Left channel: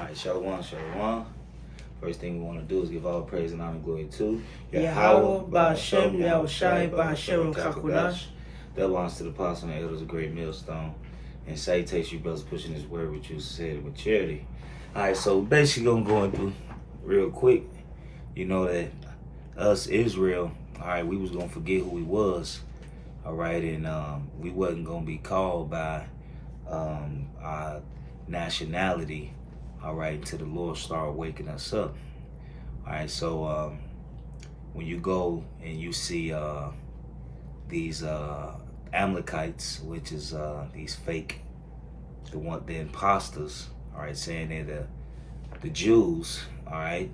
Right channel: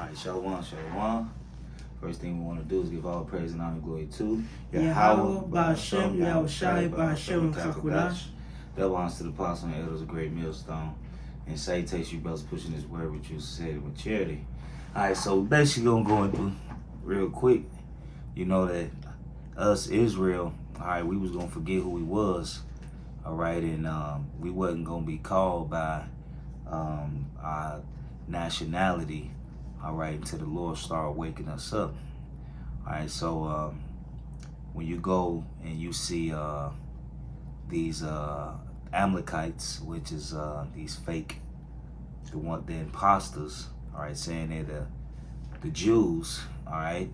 All right, Shalom, Shalom. First thing we want to do is give all praise and honor and glory to Yahweh, Ba'ashem, Yahushai, Ba'ashem, Kakudash. That belongs to the apostle and elders of Great Millstone. And salutations, you brothers, pushing this word with you, said with charity. All right, so basically going to go into real quick. You know that us, Israel, all right, we was going to forget who we was. All right, and we wasn't going to be called by our nationality. All right, until the Lord started waking us up. All right, so when you go and you see these Amalekites, which is these fake, the imposters, all right, saying they're the Jews, all right,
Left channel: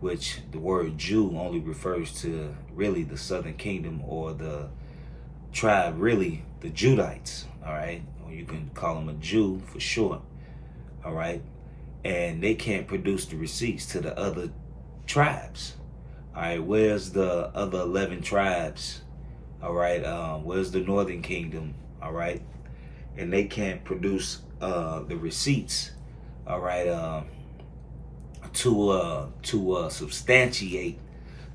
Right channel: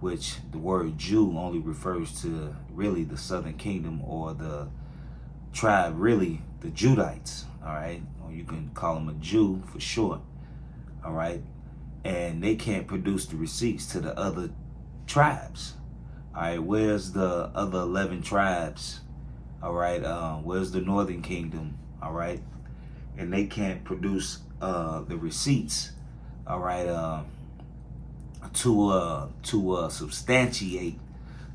which the word Jew only refers to really the southern kingdom or the tribe, really the Judites, all right, or you can call them a Jew for short, all right. And they can't produce the receipts to the other tribes. All right, where's the other 11 tribes? All right, where's the northern kingdom? All right, and they can't produce the receipts. All right, to substantiate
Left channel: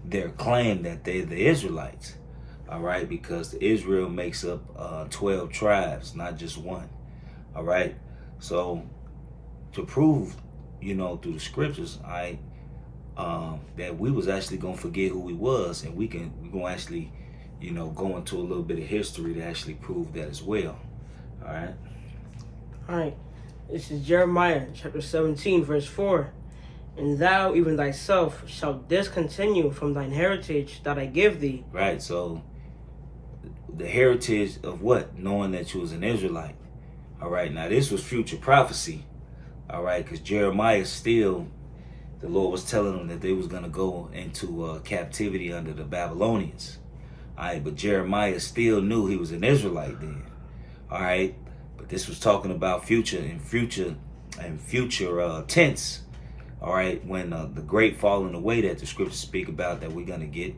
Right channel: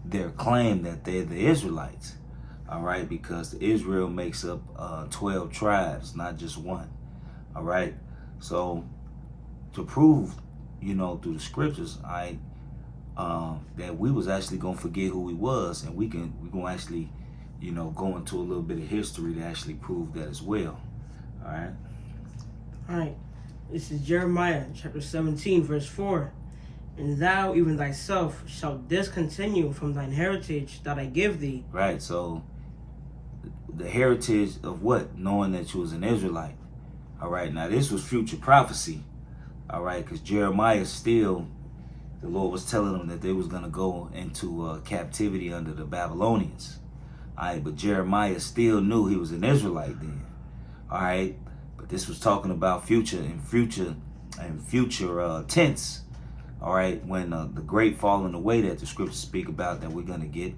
their claim that they're the Israelites. All right, because Israel makes up 12 tribes, not just one. All right, so to prove, you know, through the scriptures, all right, that we was actually gonna forget who we was, and we're gonna actually, you know, go into a little bit of history to actually prove that as well. All right. All right. This is Jeremiah chapter 17, verse 4. And thou, even thyself, shalt discontinue from thine heritage that I give thee. Right. So the heritage of what? Knowing that you was an Israelite. All right. Now this was future prophecy. All right, because Jeremiah still, the Lord was telling them that they was going to go into captivity under the Babylonians. All right, but Jeremiah still knew he was an Israelite then. All right, but this was talking about future tense. All right, when the great falling away that the scriptures speak about that we're going to get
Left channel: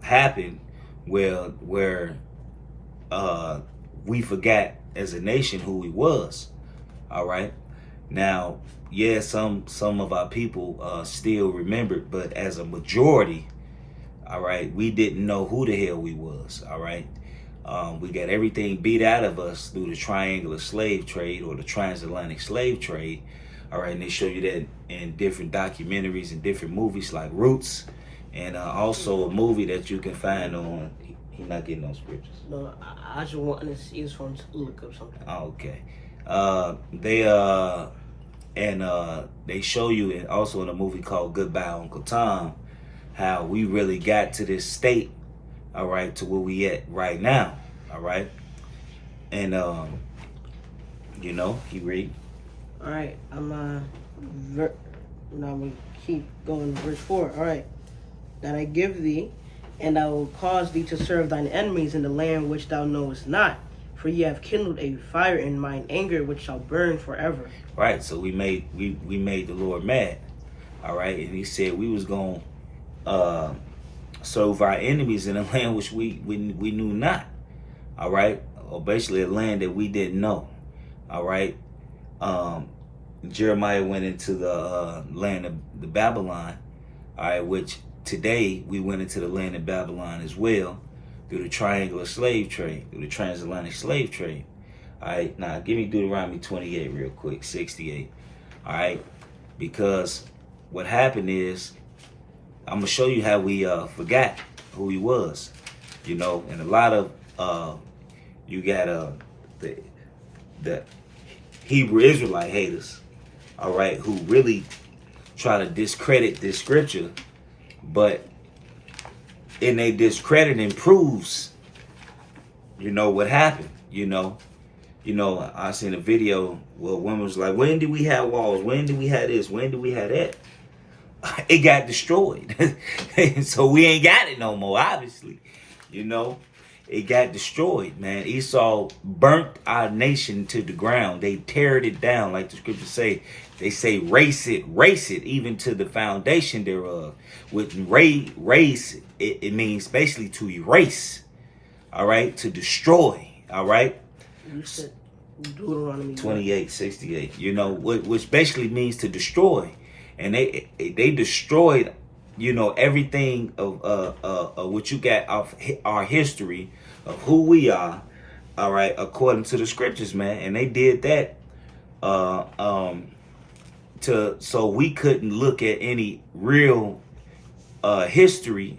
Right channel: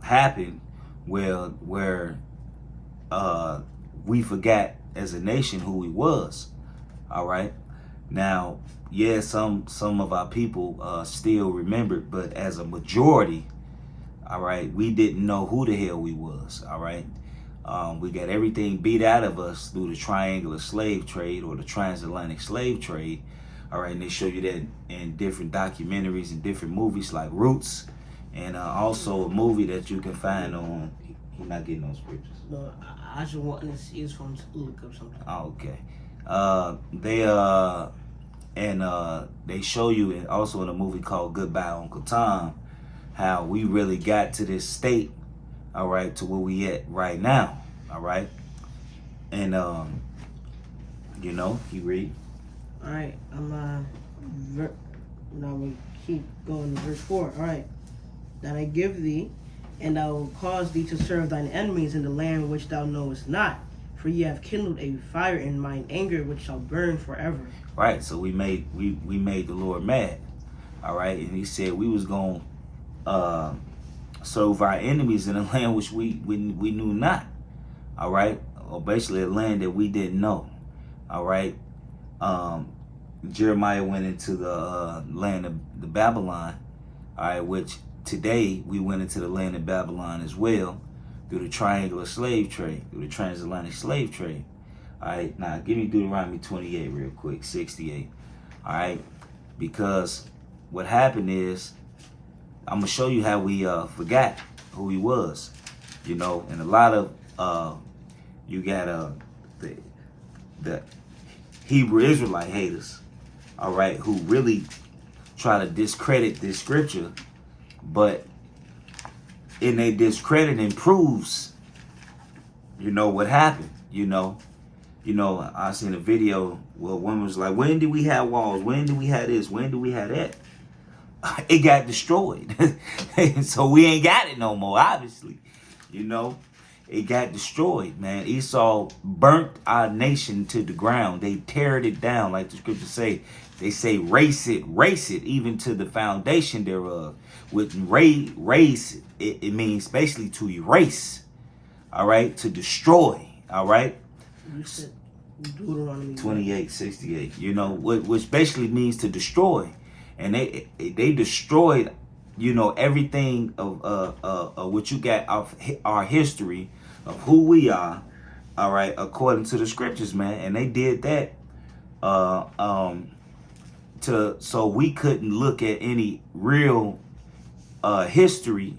happen, where we forgot as a nation who we was. All right. Now, yeah, some of our people still remembered, but as a majority, all right, we didn't know who the hell we was, all right? We got everything beat out of us through the triangular slave trade or the transatlantic slave trade, all right? And they show you that in different documentaries and different movies like Roots, and also a movie that you can find on, he's not getting those scriptures. No, I just want to see his phone to look up something. Oh, okay. They show you, and also in a movie called Goodbye Uncle Tom, how we really got to this state, all right, to where we at right now, all right. And you know, he read. All right, I'm now we keep going to verse 4. All right, that I give thee, and I will cause thee to serve thine enemies in the land which thou knowest not. For ye have kindled a fire in mine anger, which shall burn forever. Right. So we made the Lord mad. All right, and He said we was gonna serve our enemies in a land which we knew not. All right, or basically a land that we didn't know. All right. Jeremiah went into the land of the Babylon. All right, which today we went into the land of Babylon as well, through the triangular slave trade, through the transatlantic slave trade. All right, now give me Deuteronomy 28 real quick, 68. All right, because what happened is, I'm gonna show you how we forgot who he was, you know, and a lot of you got the Hebrew Israelite haters, all right, who really try to discredit this scripture, but in their discrediting proves, you know, what happened, you know. I seen a video where one was like, when did we have walls? When did we have this? When did we have that? It got destroyed. So we ain't got it no more, obviously. You know, it got destroyed, man. Esau burnt our nation to the ground. They teared it down, like the scriptures say. They say, race it, even to the foundation thereof. With race, it means basically to erase, all right, to destroy, all right? Deuteronomy 28:68. You know, which basically means to destroy, and they destroyed, you know, everything of what you got of our history of who we are. All right, according to the scriptures, man, and they did that so we couldn't look at any real history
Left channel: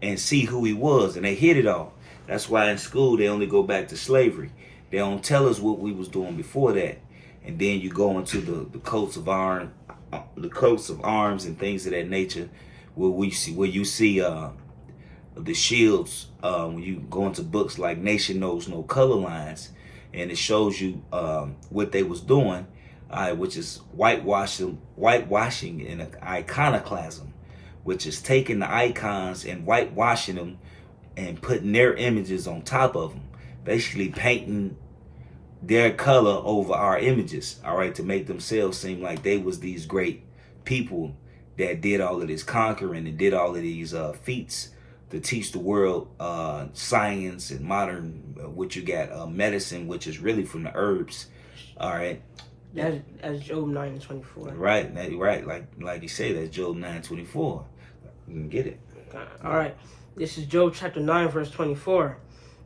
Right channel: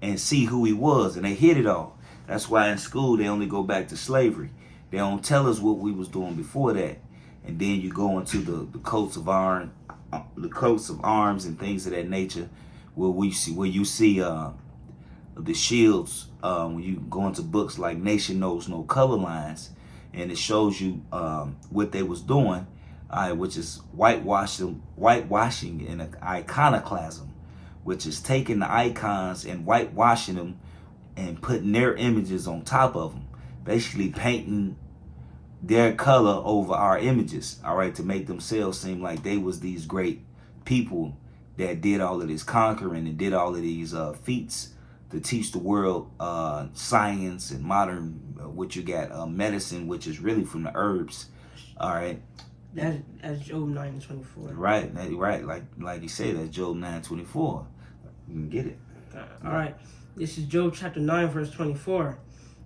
and see who he was, and they hid it all. That's why in school they only go back to slavery. They don't tell us what we was doing before that, and then you go into the coats of arms, and things of that nature, where you see the shields. When you go into books like Nation Knows No Color Lines, and it shows you what they was doing, which is whitewashing and iconoclasm, which is taking the icons and whitewashing them and putting their images on top of them, basically painting their color over our images, all right, to make themselves seem like they was these great people that did all of this conquering and did all of these feats to teach the world science and modern, what you got, medicine, which is really from the herbs, all right. As Job 9:24. Right, like you say, that's Job 9:24. You can get it. All right. This is Job chapter 9, verse 24.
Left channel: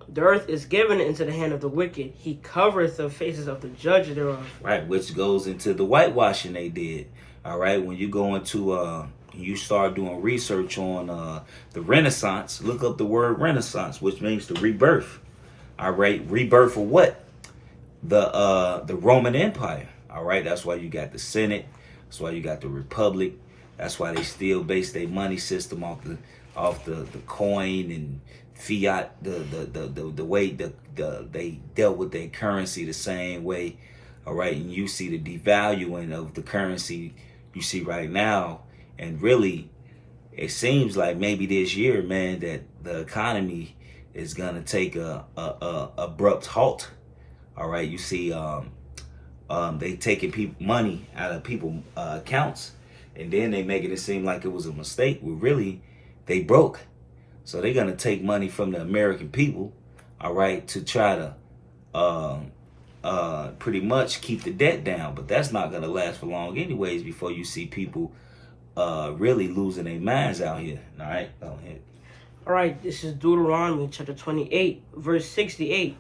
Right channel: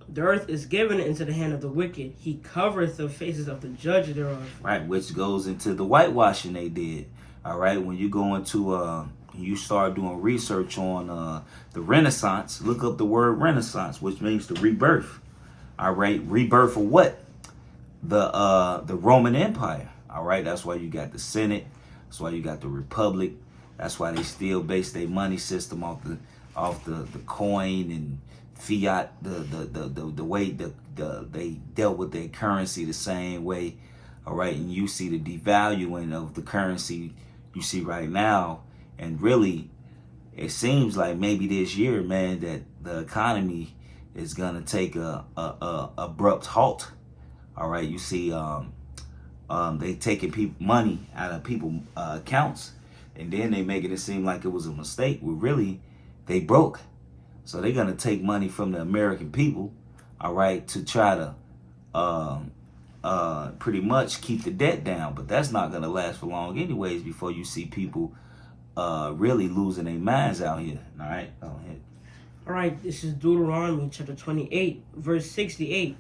The earth is given into the hand of the wicked. He covereth the faces of the judge thereof. Right, which goes into the whitewashing they did. All right, when you go into you start doing research on the Renaissance, look up the word Renaissance, which means the rebirth. All right, rebirth of what? The Roman Empire. All right, that's why you got the Senate. That's why you got the Republic. That's why they still base their money system off the coin and fiat, the way they dealt with their currency the same way. All right, and you see the devaluing of the currency you see right now, and really it seems like maybe this year, man, that the economy is gonna take a abrupt halt. All right, you see they taking money out of people's accounts, and then they making it seem like it was a mistake. Well, really, they broke. So they're gonna take money from the American people, all right, to try to pretty much keep the debt down. But that's not gonna last for long, anyways. Before you see people really losing their minds out here. All right, go ahead. All right, this is Deuteronomy chapter 28, verse 68.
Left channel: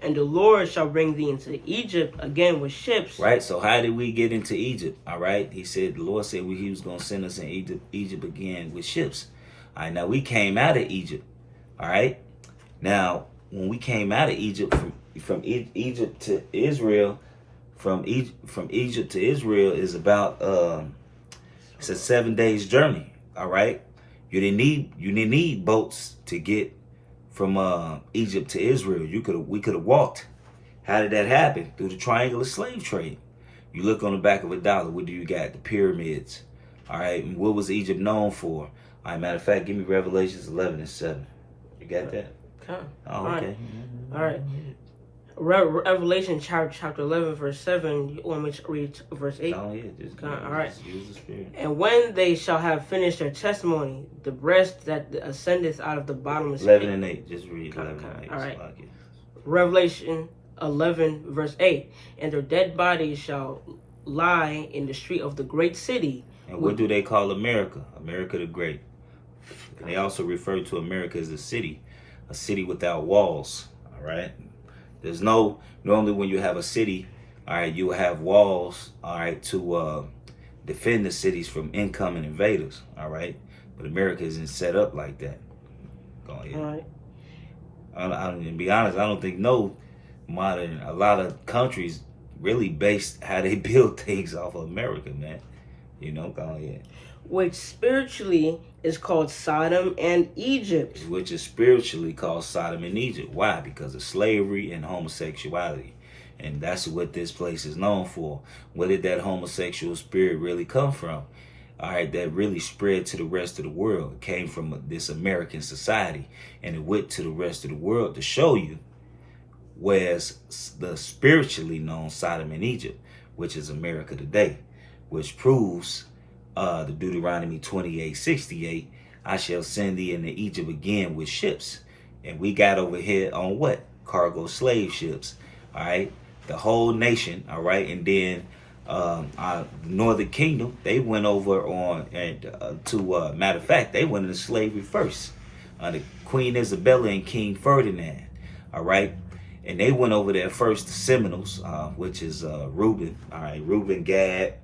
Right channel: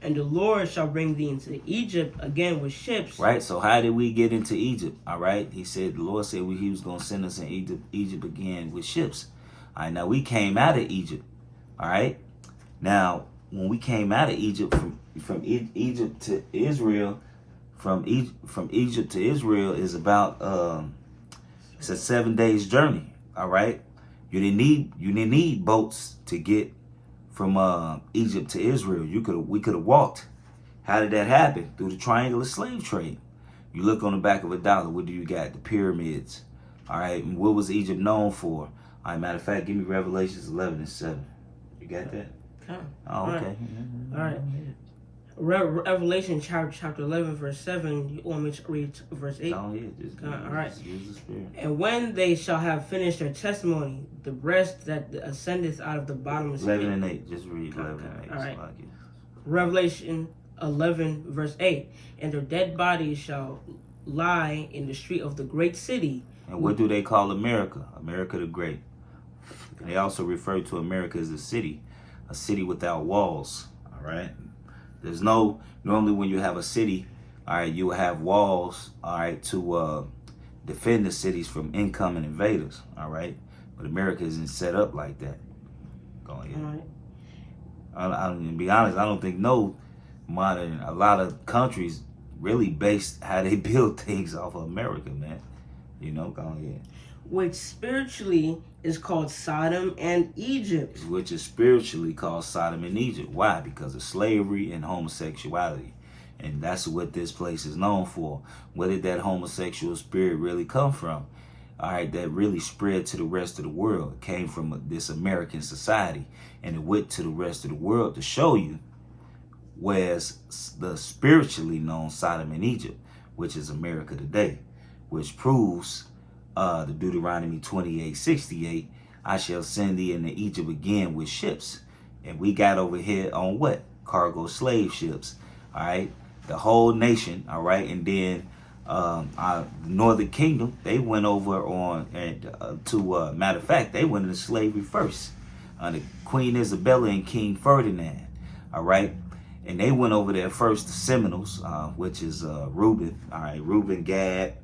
And the Lord shall bring thee into Egypt again with ships. Right, so how did we get into Egypt? All right, he said, the Lord said he was going to send us in Egypt again with ships. All right, now we came out of Egypt. All right, now when we came out of Egypt, from Egypt to Israel, from Egypt to Israel is about it's a 7 days journey. All right, you didn't need boats to get from Egypt to Israel. We could have walked. How did that happen? Through the triangular slave trade. You look on the back of a dollar, what do you got? The pyramids. All right, and what was Egypt known for? All right, matter of fact, give me Revelations 11:7. You got that? Okay. Oh, okay. All right. Revelation chapter 11, verse 7. You want me to read verse 8? Oh, yeah. Just use the spirit. And when they shall have finished their testimony, the breast that ascendeth out of the bottomless 11 and 8. Just read 11 and 8. All right. Revelation 11, verse 8. And their dead bodies shall lie in the street of the great city. And what do they call America? America the Great. They also refer to America as a city without walls. All right. Normally when you have a city, all right, you will have walls, all right, to defend the cities from incoming invaders, all right. But America isn't set up like that. Go ahead. All right. I'm to be honest, I don't think a lot of countries really base how they build things off of America, man. You know, go ahead. Which spiritually is called Sodom and Egypt. Which is spiritually called Sodom and Egypt. Why? Because of slavery and homosexuality. And that's what this place is known for. Where did that homosexual spirit really come from? All right, that really spread to the rest of the world. It came from this American society, and it went to the rest of the world to show you where's the spiritually known Sodom and Egypt, which is America today, which proves the Deuteronomy 28:68, I shall send thee into Egypt again with ships. And we got over here on what? Cargo slave ships. All right. the whole nation, all right, and then the Northern Kingdom, they went over on matter of fact, they went into slavery first. The Queen Isabella and King Ferdinand, all right, and they went over there first. The Seminoles, which is Reuben, all right, Reuben, Gad,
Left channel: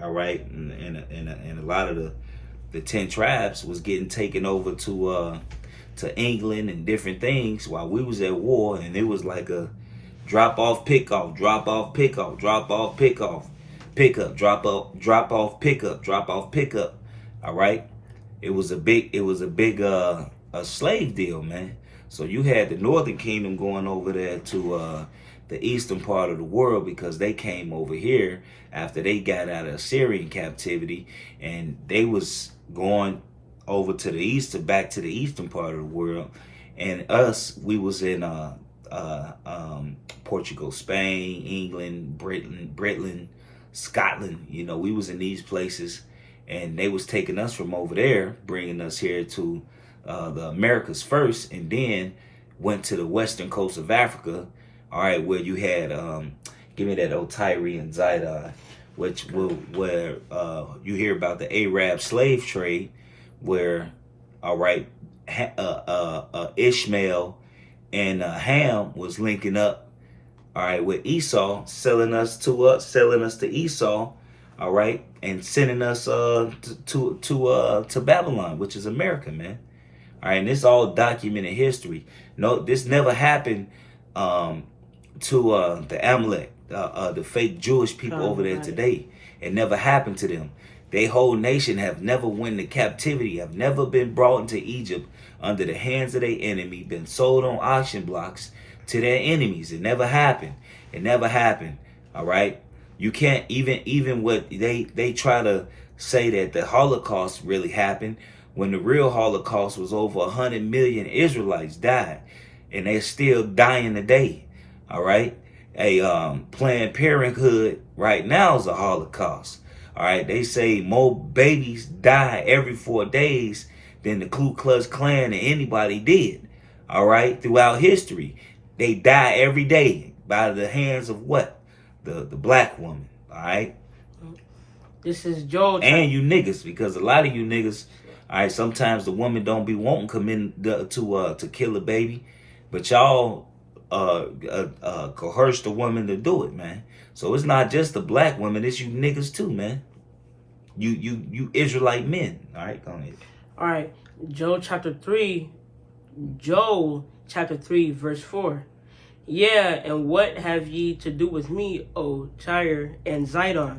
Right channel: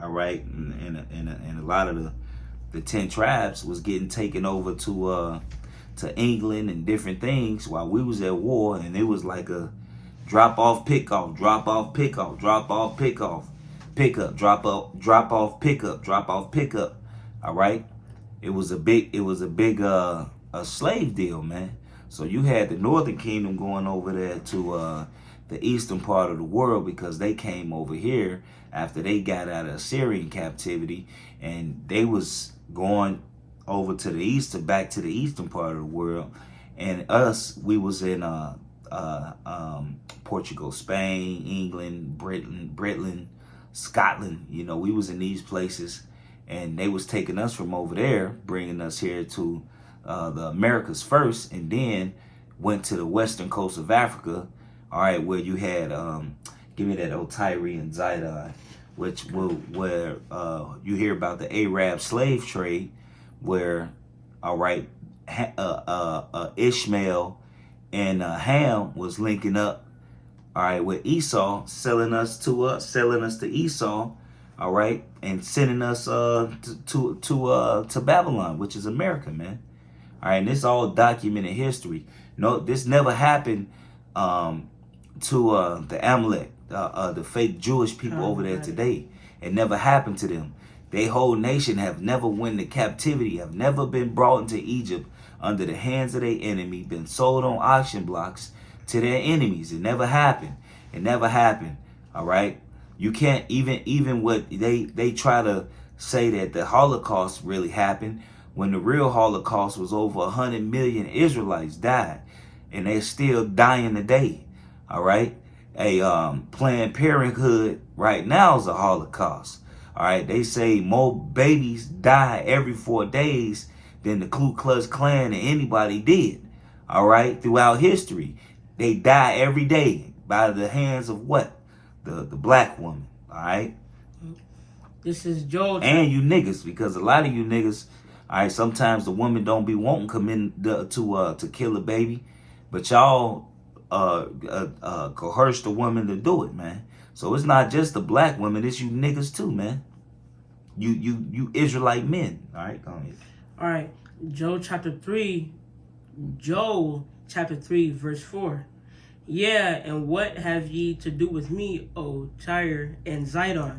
all right, and a lot of the 10 tribes was getting taken over to England and different things while we was at war, and it was like a drop off, pick off, drop off, pick off, drop off, pick off, pick up, drop off, pick up, drop off, pick up. All right, it was a big a slave deal, man. So you had the Northern Kingdom going over there to the eastern part of the world because they came over here after they got out of Assyrian captivity, and they was going over to the east, back to the eastern part of the world. And us, we was in Portugal, Spain, England, Britain, Scotland. You know, we was in these places, and they was taking us from over there, bringing us here to the Americas first, and then went to the western coast of Africa. All right, where you had give me that old Tyre and Zidon, where you hear about the Arab slave trade, where all right, Ishmael and Ham was linking up, all right, with Esau, selling us to Esau, all right, and sending us to Babylon, which is America, man. All right, and this all documented history. No, this never happened to the Amalek, the fake Jewish people over there today. It never happened to them. Their whole nation have never went into captivity, have never been brought into Egypt under the hands of their enemy, been sold on auction blocks to their enemies. It never happened. It never happened. All right. You can't even what they try to say that the Holocaust really happened, when the real Holocaust was over 100 million Israelites died, and they're still dying today. All right. Planned Parenthood right now is a Holocaust. All right. They say more babies die every 4 days than the Ku Klux Klan and anybody did. All right. Throughout history, they die every day by the hands of what? The black woman. All right. This is Joel. And you niggas, because a lot of you niggas, all right, sometimes the woman don't be wanting to come in to kill a baby, but y'all coerce the woman to do it, man. So it's not just the black women, it's you niggas too, man. You Israelite men. All right, go ahead. All right, Joel chapter 3, verse 4. Yeah, and what have ye to do with me, O Tyre and Zidon?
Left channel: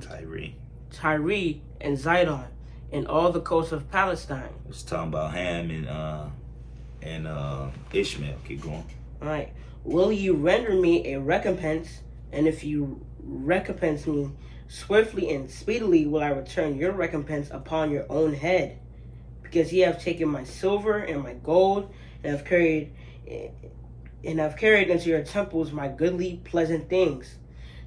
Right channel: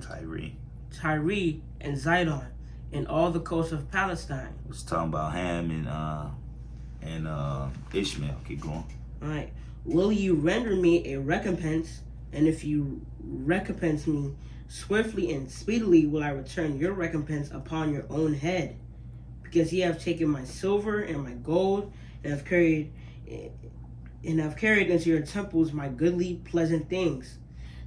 Tyre and Zidon, and all the coasts of Palestine. It's talking about Ham and Ishmael. Keep going. All right. Will you render me a recompense? And if you recompense me swiftly and speedily, will I return your recompense upon your own head? Because ye have taken my silver and my gold, and have carried into your temples my goodly, pleasant things.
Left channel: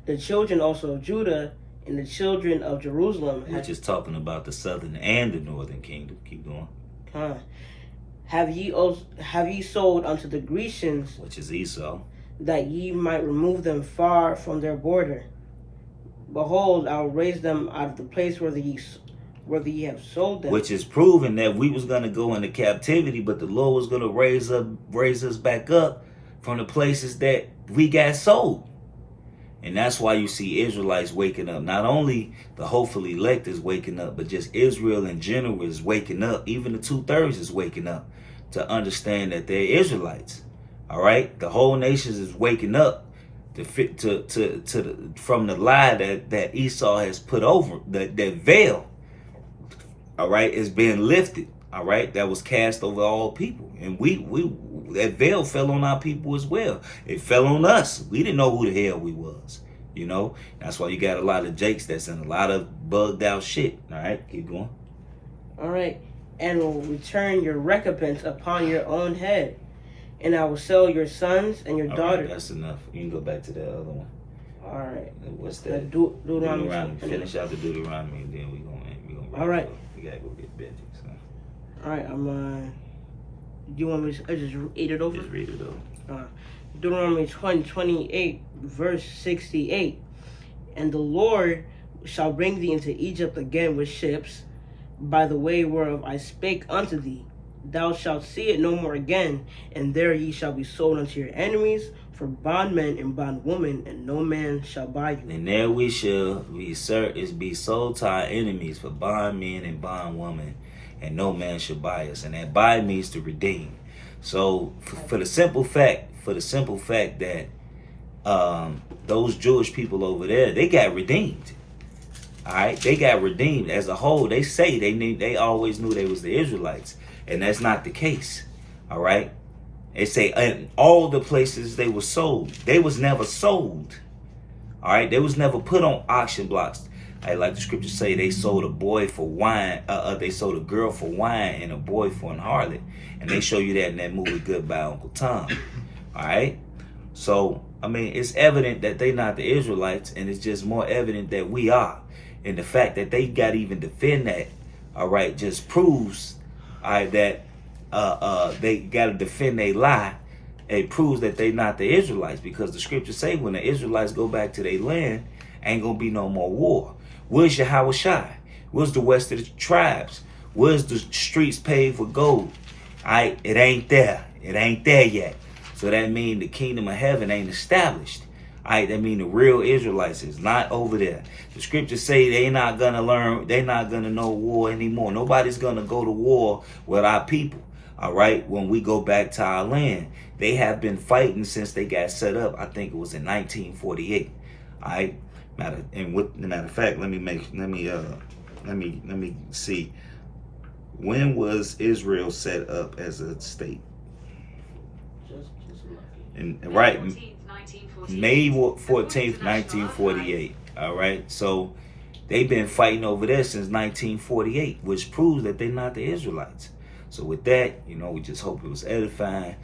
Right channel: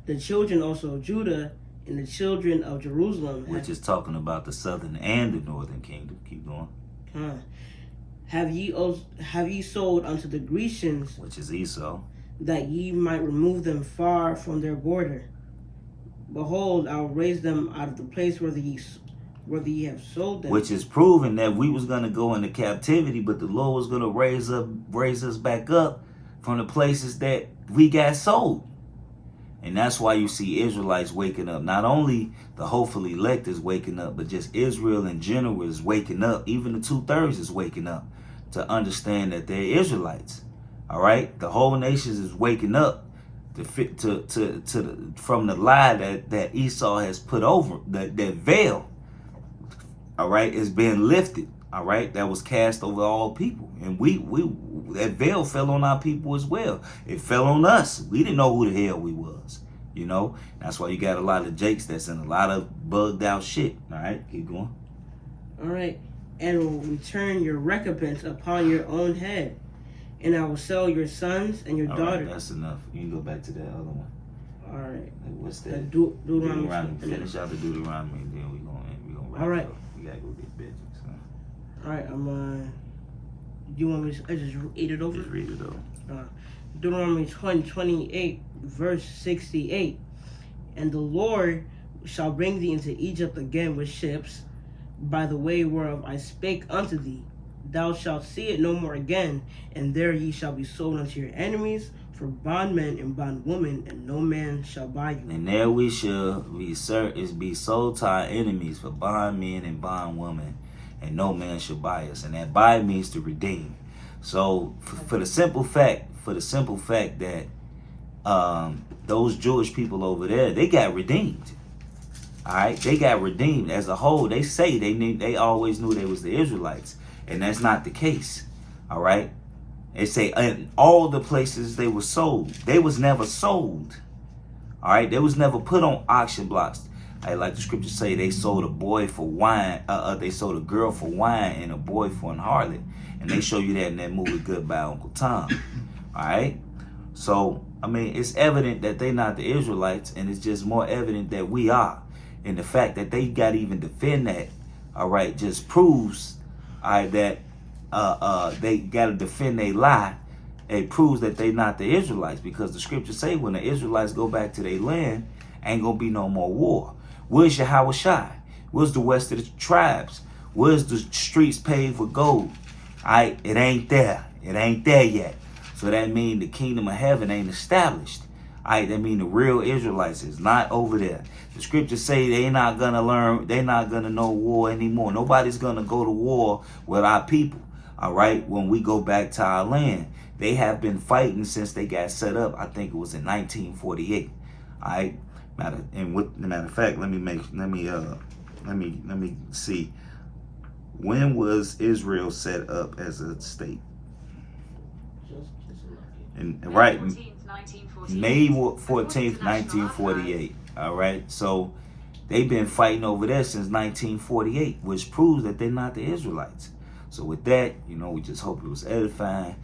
The children also of Judah and the children of Jerusalem, which is talking about the southern and the northern kingdom. Keep going. Have ye sold unto the Grecians, which is Esau, that ye might remove them far from their border? Behold, I'll raise them out of the place where ye have sold them. Which is proving that we was gonna go into captivity, but the Lord was gonna raise us back up from the places that we got sold. And that's why you see Israelites waking up. Not only the hopefully elect is waking up, but just Israel in general is waking up. Even the 2/3 is waking up to understand that they're Israelites. All right, the whole nation is waking up from the lie that Esau has put over, that veil. All right, is being lifted. All right, that was cast over all people, and we that veil fell on our people as well. It fell on us. We didn't know who the hell we was. You know, that's why you got a lot of Jakes that's in a lot of bugged out shit. All right, keep going. All right, and will return your recompense upon your own head, and I will sell your sons and your daughters. Right, that's enough. You can go back to that other one. All right. What's that? Deuteronomy. Finish out the Deuteronomy, and then we gonna all right. We gotta go get Benji. So. All right, do you want me to just read it over? Just read it over. Deuteronomy 28, verse 68. And the Lord shall bring thee into Egypt again with ships, by the way whereof I spake unto thee. Thou shalt see it no more again, and there ye shall be sold unto your enemies for bondmen and bondwomen, and no man shall buy you. And there we shall be sold to our enemies for bondmen and bondwomen, and no man shall buy us. And that buy means to redeem. So for the simple fact that those Jewish people over there, they got redeemed. All right, they got redeemed as a whole. They say they always knew they was the Israelites, and that's not the case. All right, they say in all the places they were sold, they was never sold. All right, they was never put on auction blocks. Like the scriptures say, they sold a boy for wine. They sold a girl for wine and a boy for an harlot, and they show you that in that movie Goodbye Uncle Tom. All right, so I mean, it's evident that they not the Israelites, and it's just more evident that we are. And the fact that they got to even defend that, all right, just proves, all right, that they got to defend their lie. It proves that they not the Israelites, because the scriptures say when the Israelites go back to their land, ain't gonna be no more war. Where's Yahweh Shai? Where's the rest of the tribes? Where's the streets paved with gold? All right, it ain't there. It ain't there yet. So that means the kingdom of heaven ain't established. All right, that means the real Israelites is not over there. The scriptures say they not gonna learn, they not gonna know war anymore. Nobody's gonna go to war with our people. All right, when we go back to our land, they have been fighting since they got set up. I think it was in 1948. All right, matter of fact, let me see. When was Israel set up as a state? And right, May 14th, 1948. All right, so they've been fighting over there since 1948, which proves that they're not the Israelites. So with that, we just hope it was edifying.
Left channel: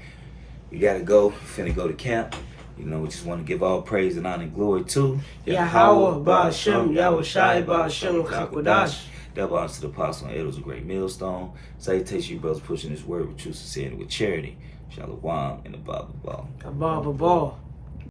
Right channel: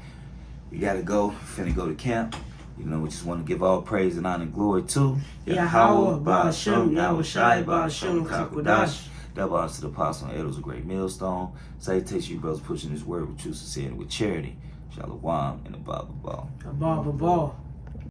We gotta go. Finna go to camp. We just want to give all praise and honor and glory to Yahweh, Ba'ashem, Yahweh Shai, Ba'ashem, Chakodash. Double honor to the apostle and elders of Great Millstone. Salutations, you brothers, pushing this word with true sincerity, with charity. Shalom and above all. Above all.